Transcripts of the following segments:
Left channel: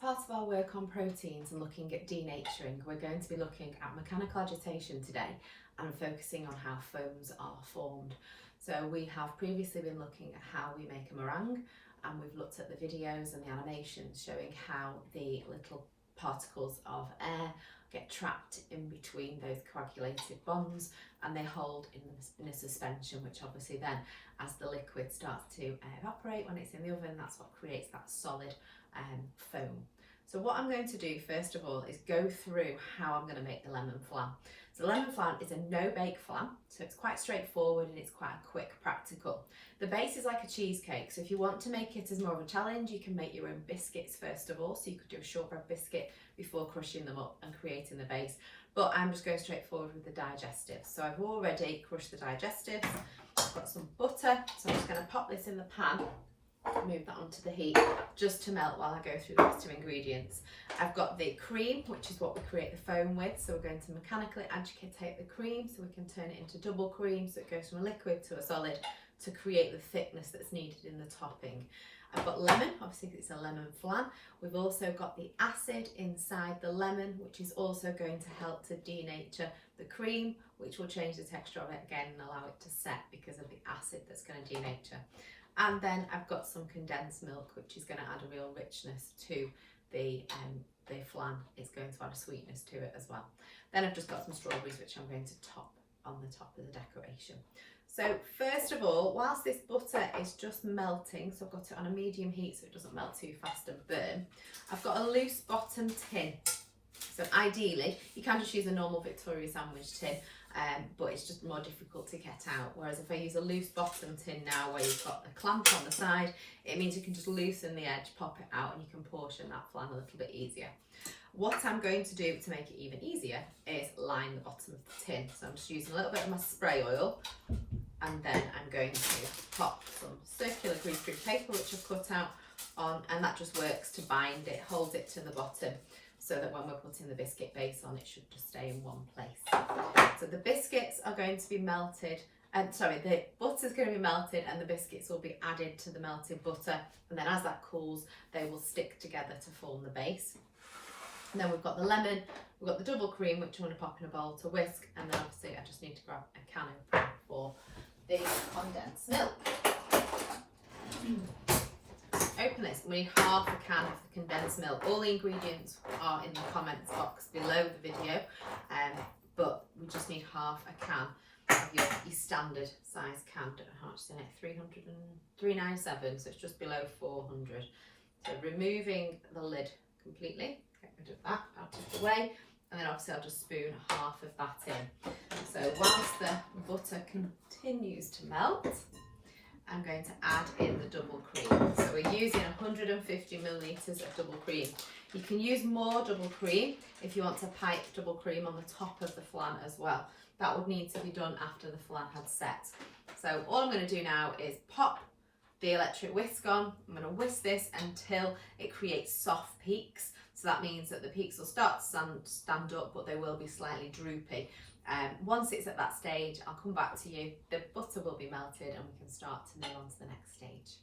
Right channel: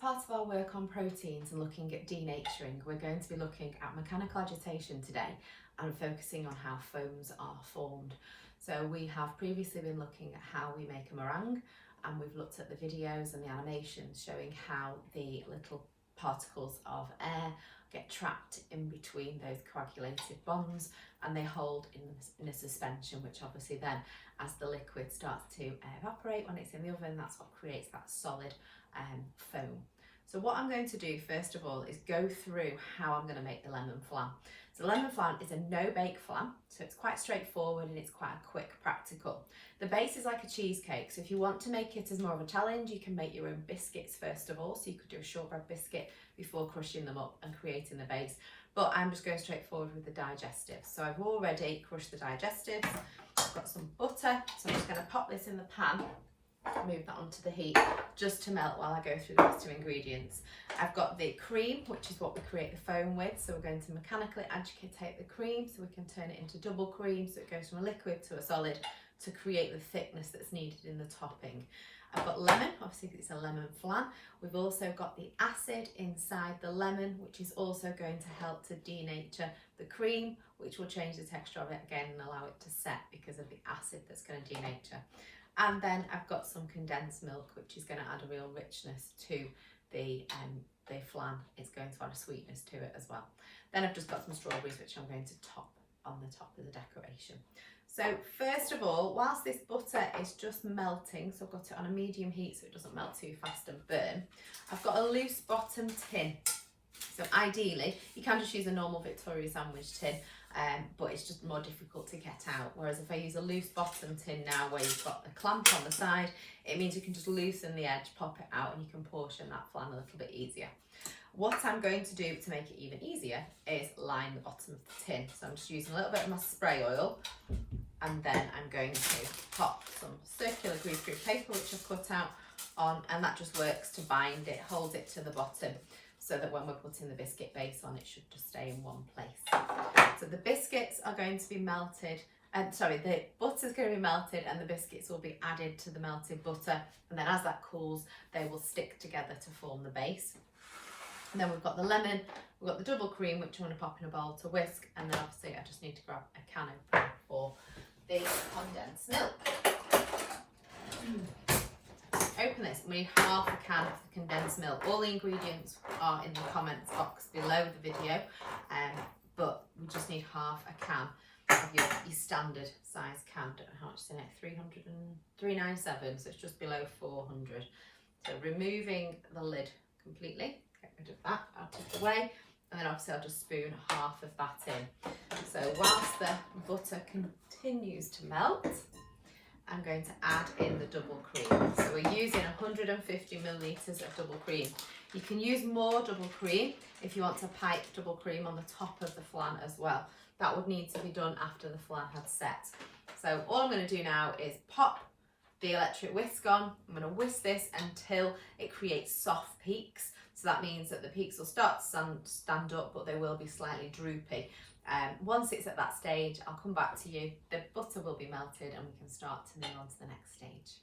part of our work on proteins and looking at denaturing, we're going to be looking at mechanical agitation today and focusing on how foams are formed. So we have previously been looking at how we make a meringue, and we've looked at the videos and the animations showing how the little particles of air get trapped in between those coagulated bonds and they hold in a suspension, which obviously then, as the liquid starts to evaporate when it's in the oven, that's what creates that solid foam. So what I'm going to do first of all is go through how I'm going to make the lemon flan. So lemon flan is a no-bake flan, so it's quite straightforward and it's quite a quick, practical. The base is like a cheesecake, so if you want to make it as more of a challenge, you can make your own biscuits first of all. So you could do a shortbread biscuit before crushing them up and creating the base. But I'm just going straight forward with the digestive. So I've already crushed the digestives. I've got some butter, so I'm just going to pop this in the pan, move that onto the heat just to melt while I go through the rest of ingredients. I've got the cream, which is what we create the foam with, so we're going to mechanically agitate the cream so we can turn it into double cream, so it goes from a liquid to a solid to create the thickness that's needed in the topping. I've got lemon, obviously because it's a lemon flan. We've also got the acid inside the lemon, which is also going to help to denature the cream, which will change the texture of it again and allow it to set because of the acid that's going to denature. And then I've got some condensed milk, which is going to add a real richness to the flan. It's going to add a sweetness to it as well. Then I've just got some strawberries, which I'm going to top on the top of the decoration. So first of all, whilst this butter is just melting, so I've got it on a medium heat so it doesn't melt too fast and burn, I've got a loose bottom tin. So ideally, you can just use a normal Victoria sandwich tin, but it's just more difficult to get out. Whereas if I use a loose bottom tin now where you've got the clamp on the side, it means you can just loosen the edge, pop it out, and you can portion that flan a little bit easier. What I'm going to do to make it even easier is line the bottom of the tin. So I'm just using a little bit of my spray oil, and then I'm going to pop some circular greaseproof paper which I've cut out on, and that just works to bind it, holds it to the bottom, so that when we're putting the biscuit base on, it should just stay in one place. So the biscuits are going to be melted, the butter's going to be melted and the biscuits will be added to the melted butter, and then as that cools, they will stick together to form the base. And then we've got the lemon, we've got the double cream, which I'm going to pop in a bowl to whisk, and then obviously I just need to grab a can opener for the condensed milk. Open this, we need half a can of the condensed milk. All the ingredients are in the comments box below the video, but we just need half a can of your standard size can. Don't know how much is in it, 397, so it's just below 400. So removing the lid completely, get rid of that out of the way, and then obviously I'll just spoon half of that in. So whilst the butter continues to melt, I'm going to add in the double cream. So we're using 150 millilitres of double cream. You can use more double cream if you want to pipe double cream on the top of the flan as well. That would need to be done after the flan had set. So all I'm going to do now is pop the electric whisk on. I'm going to whisk this until it creates soft peaks. So that means that the peaks will start to stand up, but they will be slightly droopy. Once it's at that stage, I'll come back to you. The butter will be melted and we can start to move on to the next stage.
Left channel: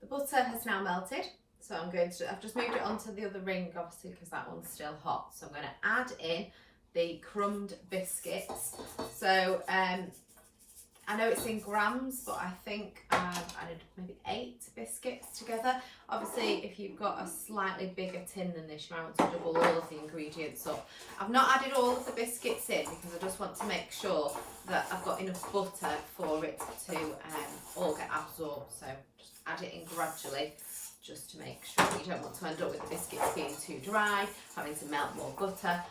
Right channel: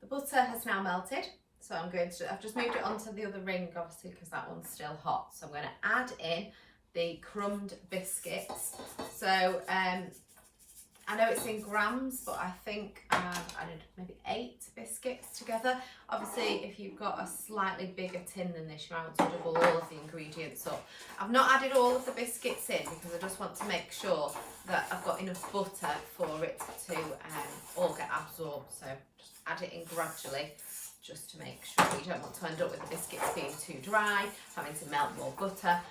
The butter has now melted, so I've just moved it onto the other ring, obviously, because that one's still hot. So I'm going to add in the crumbed biscuits. So I know it's in grams, but I think I've added maybe 8 biscuits together. Obviously, if you've got a slightly bigger tin than this, you might want to double all of the ingredients up. I've not added all of the biscuits in because I just want to make sure that I've got enough butter for it to all get absorbed. So just add it in gradually, just to make sure. You don't want to end up with the biscuits being too dry, having to melt more butter.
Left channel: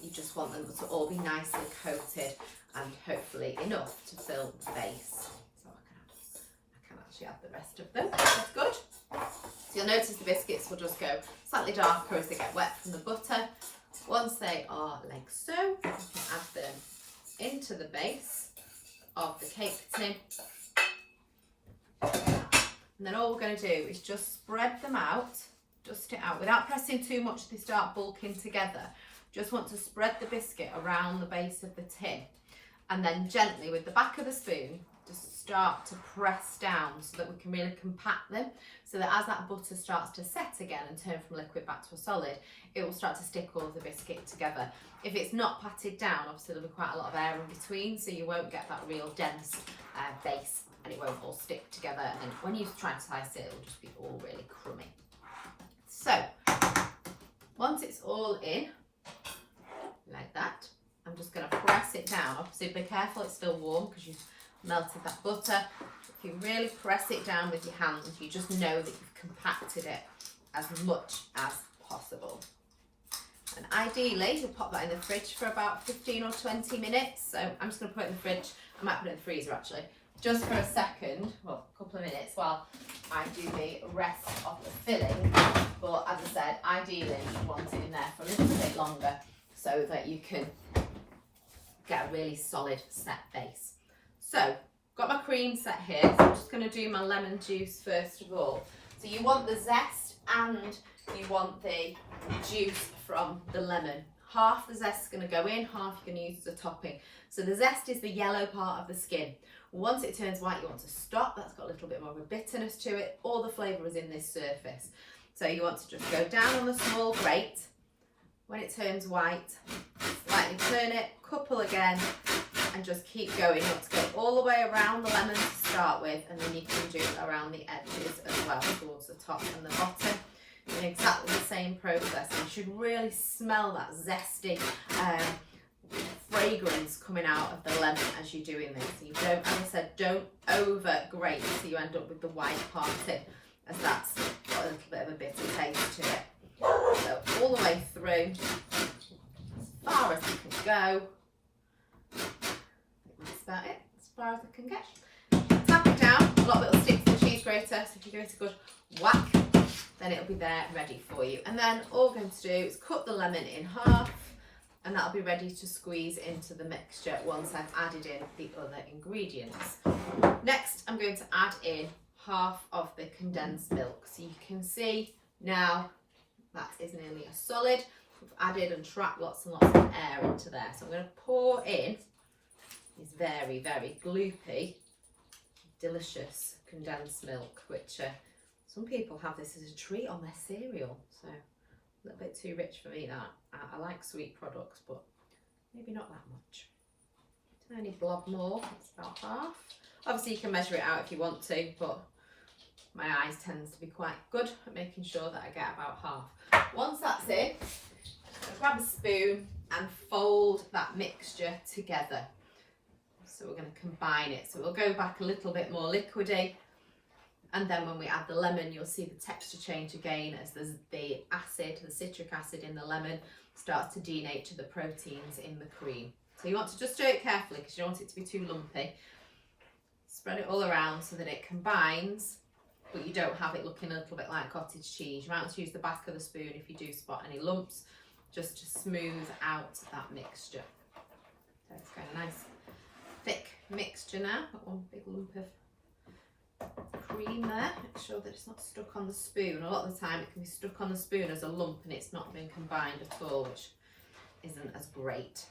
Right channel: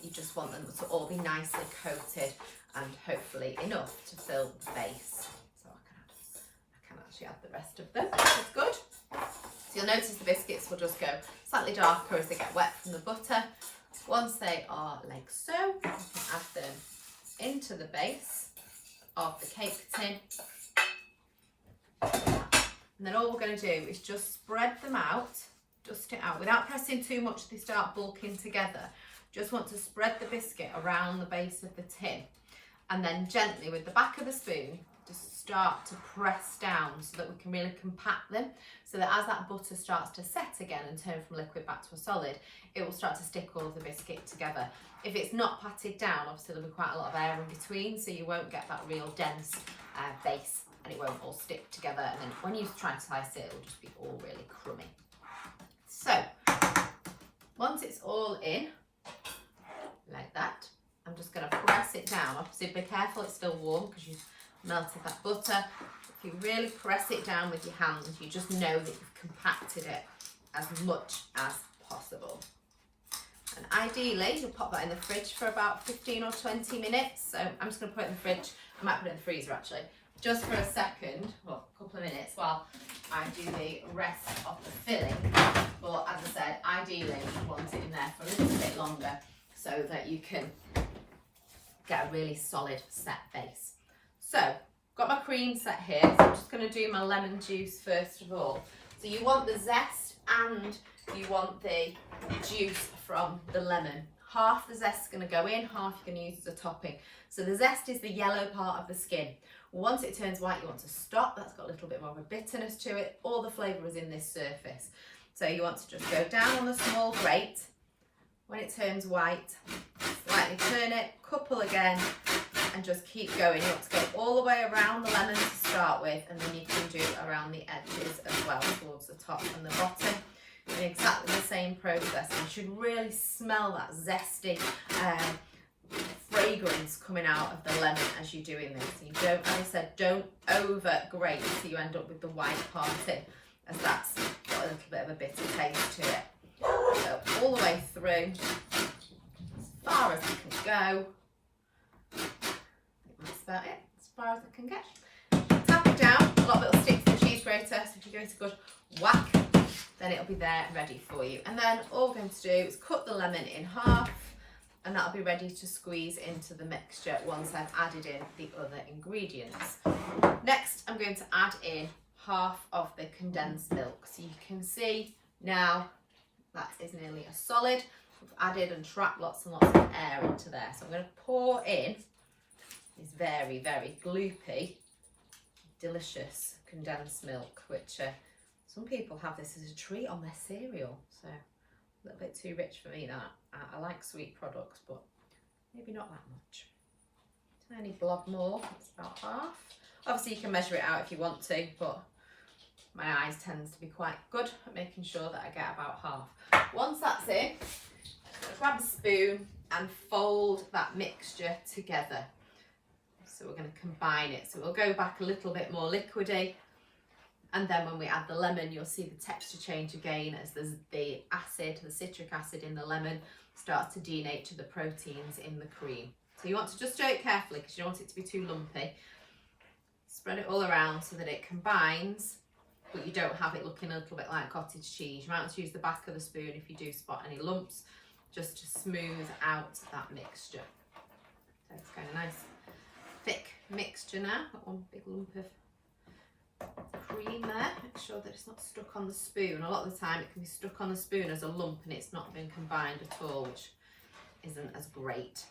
You just want them to all be nicely coated and hopefully enough to fill the base. So I can actually add the rest of them. That's good. So you'll notice the biscuits will just go slightly darker as they get wet from the butter. Once they are like so, you can add them into the base of the cake tin. And then all we're going to do is just spread them out, dust it out. Without pressing too much, they start bulking together. Just want to spread the biscuit around the base of the tin. And then gently with the back of the spoon, just start to press down so that we can really compact them, so that as that butter starts to set again and turn from liquid back to a solid, it will start to stick all of the biscuit together. If it's not patted down, obviously there'll be quite a lot of air in between, so you won't get that real dense base, and it won't all stick together, and then when you try to slice it, it'll just be all really crummy. So once it's all in like that, I'm just going to press it down. Obviously be careful it's still warm because you've melted that butter. If you really press it down with your hands, you just know that you've compacted it as much as possible. And ideally you'll pop that in the fridge for about 15 or 20 minutes. So I'm just going to put it in the fridge. I might put it in the freezer actually, just for a second, well, a couple of minutes, while I do the rest of the filling. But as I said, ideally you want it in there for a little bit longer so that you can get a really solid set base. So got my cream set here, so I'm just going to do my lemon juice first of all. So you want the zest and you want the juice from the lemon. Half the zest is going to go in, half you're going to use as a topping. So the zest is the yellow part of the skin. Once it turns white, you want to stop. That's got a little bit more of a bitterness to it. All the flavour is in this surface. So you want to just go down on the small grate. When it turns white, slightly turn it, couple again, and just keep going. You want to go all the way around the lemon to start with, and then you can do around the edges as well, towards the top and the bottom. In exactly the same process. You should really smell that zesty fragrance coming out of the lemon as you're doing this. So you don't, as I said, don't over grate so you end up with the white part in, as that's got a little bit of a bitter taste to it. So all the way through, as far as you can go. That's about it, as far as I can get. Tap it down, a lot of little sticks in the cheese grater, so if you give it a good whack, then it'll be there ready for you. And then all we're going to do is cut the lemon in half, and that'll be ready to squeeze into the mixture once I've added in the other ingredients. Next, I'm going to add in half of the condensed milk. So you can see now that is nearly a solid. We've added and trapped lots and lots of air into there. So I'm going to pour in this very, very gloopy, delicious condensed milk, which some people have this as a treat on their cereal. So a little bit too rich for me, that. I like sweet products, but maybe not that much. Tiny blob more, that's about half. Obviously you can measure it out if you want to, but my eyes tends to be quite good at making sure that I get about half. Once that's in, grab a spoon and fold that mixture together. So we're going to combine it. So we'll go back a little bit more liquidy, and then when we add the lemon, you'll see the texture change again as the acid, the citric acid in the lemon starts to denature the proteins in the cream. So you want to just stir it carefully because you don't want it to be too lumpy. Spread it all around so that it combines, but you don't have it looking a little bit like cottage cheese. You might want to use the back of the spoon if you do spot any lumps, just to smooth out that mixture. So it's got a nice thick mixture now. Got one big lump of cream there. Make sure that it's not stuck on the spoon. A lot of the time it can be stuck on the spoon as a lump and it's not been combined at all, which isn't as great.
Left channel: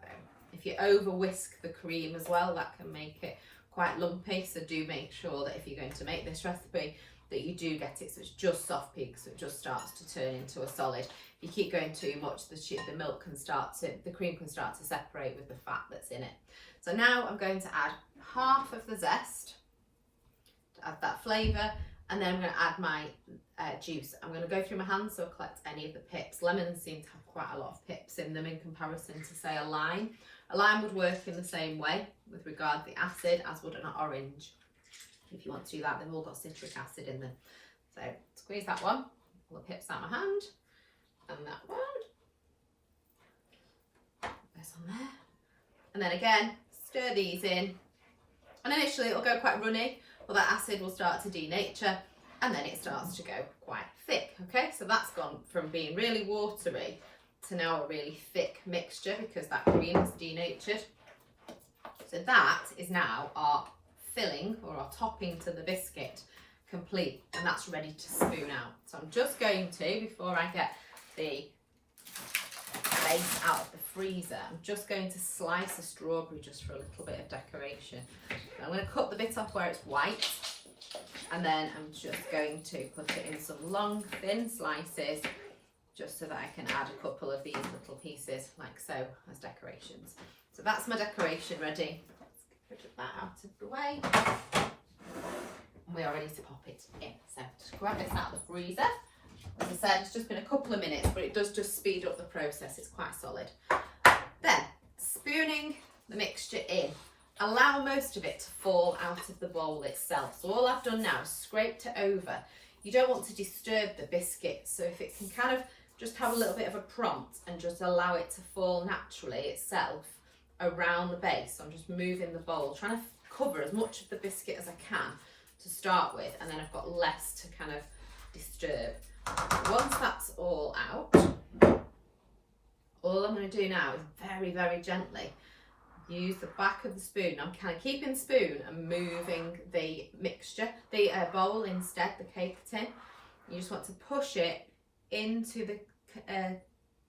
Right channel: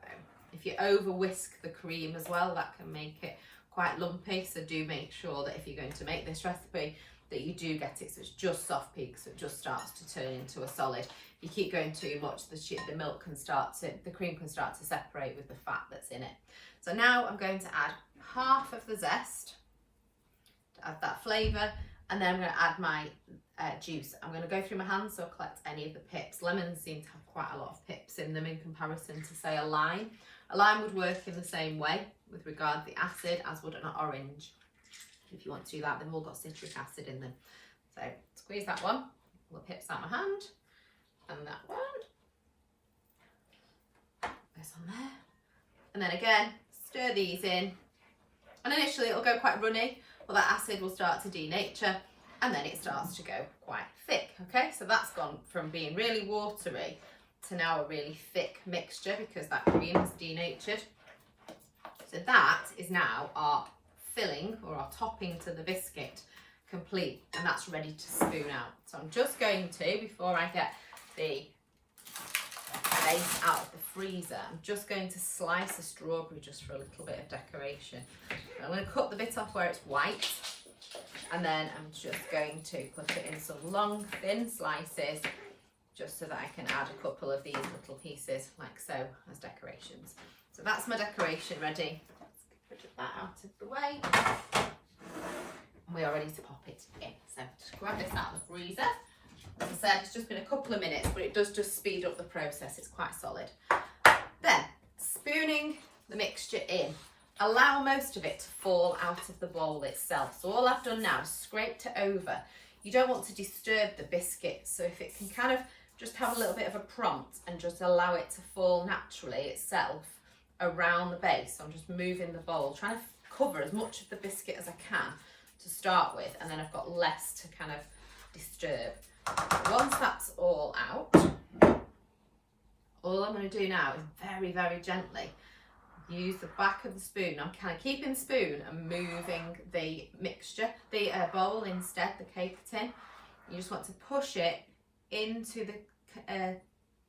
So if you over whisk the cream as well, that can make it quite lumpy. So do make sure that if you're going to make this recipe that you do get it so it's just soft peak, so it just starts to turn into a solid. If you keep going too much, the milk can start to, the cream can start to separate with the fat that's in it. So now I'm going to add half of the zest to add that flavour, and then I'm going to add my juice. I'm going to go through my hands so I collect any of the pips. Lemons seem to have quite a lot of pips in them in comparison to, say, a lime. A lime would work in the same way with regard to the acid as would an orange. If you want to do that, they've all got citric acid in them. So squeeze that one, all the pips out of my hand, and that one. Put this on there. And then again, stir these in. And initially it'll go quite runny, but that acid will start to denature, and then it starts to go quite thick. Okay, so that's gone from being really watery to now a really thick mixture because that cream is denatured. So that is now our filling or our topping to the biscuit complete, and that's ready to spoon out. So I'm just going to, before I get the base out of the freezer, I'm just going to slice a strawberry just for a little bit of decoration. I'm going to cut the bit off where it's white, and then I'm just going to put it in some long, thin slices, just so that I can add a couple of these little pieces like so as decorations. So that's my decoration ready. Let's get that out of the way. And we are ready to pop it in. So just grab this out of the freezer. As I said, it's just been a couple of minutes, but it does just speed up the process. It's quite solid. Then, spooning the mixture in. Allow most of it to fall out of the bowl itself. So all I've done now is scraped it over. You don't want to disturb the biscuit, so if it can kind of just have a little bit of a prompt and just allow it to fall naturally itself around the base. So I'm just moving the bowl, trying to cover as much of the biscuit as I can to start with, and then I've got less to kind of disturb. Once that's all out, all I'm going to do now is very, very gently use the back of the spoon. I'm kind of keeping the spoon and moving the mixture, the bowl instead, the cake tin. You just want to push it into the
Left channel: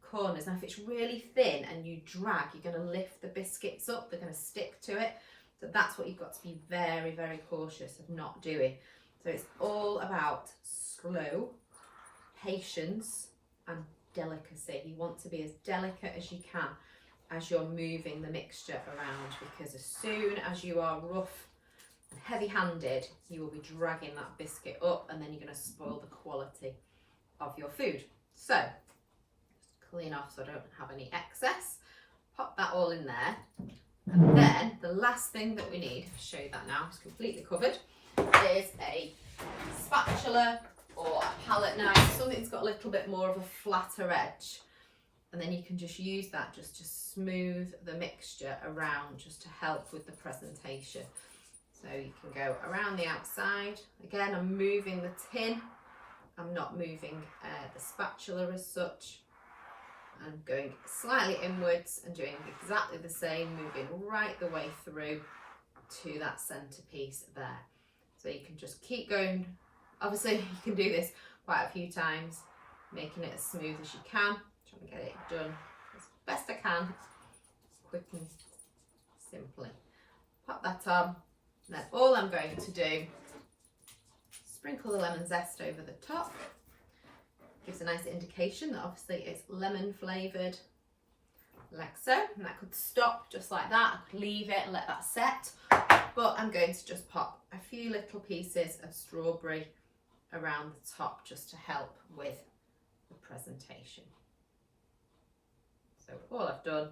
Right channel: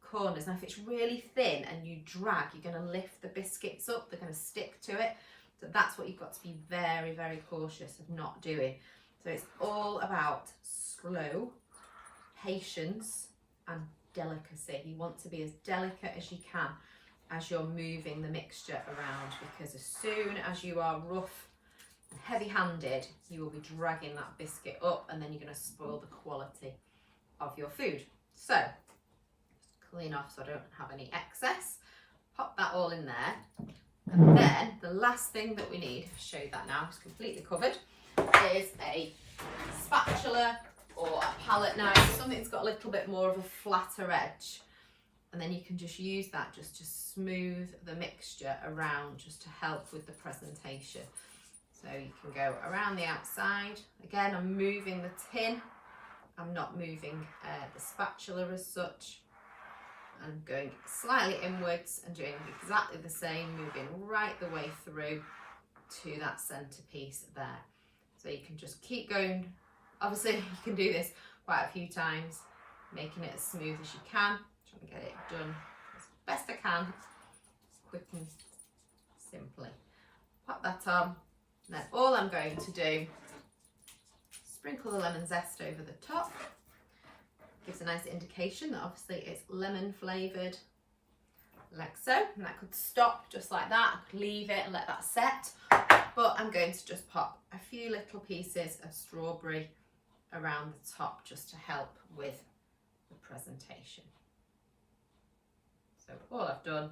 corners. Now if it's really thin and you drag, you're going to lift the biscuits up, they're going to stick to it. So that's what you've got to be very, very cautious of not doing. So it's all about slow, patience and delicacy. You want to be as delicate as you can as you're moving the mixture around, because as soon as you are rough and heavy-handed, you will be dragging that biscuit up, and then you're going to spoil the quality of your food. So just clean off so I don't have any excess. Pop that all in there, and then the last thing that we need, I'll show you that now, it's completely covered, is a spatula or a palette knife, something that's got a little bit more of a flatter edge, and then you can just use that just to smooth the mixture around, just to help with the presentation. So you can go around the outside. Again, I'm moving the tin, I'm not moving the spatula as such. I'm going slightly inwards and doing exactly the same, moving right the way through to that centerpiece there. So you can just keep going. Obviously you can do this quite a few times, making it as smooth as you can, trying to get it done as best I can, quick and simply. Pop that on, and then all I'm going to do, sprinkle the lemon zest over the top. Gives a nice indication that obviously it's lemon flavoured, like so. And that could stop just like that. I could leave it and let that set, but I'm going to just pop a few little pieces of strawberry around the top just to help with the presentation. So all I've done is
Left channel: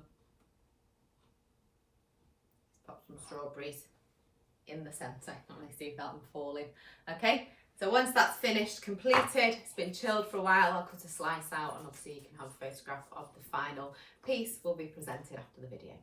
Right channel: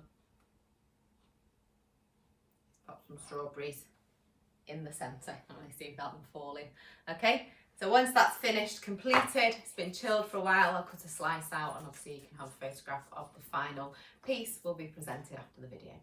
pop some strawberries in the centre. I want to see them falling. Okay, so once that's finished, completed, it's been chilled for a while, I'll cut a slice out, and obviously you can have a photograph of the final piece will be presented after the video.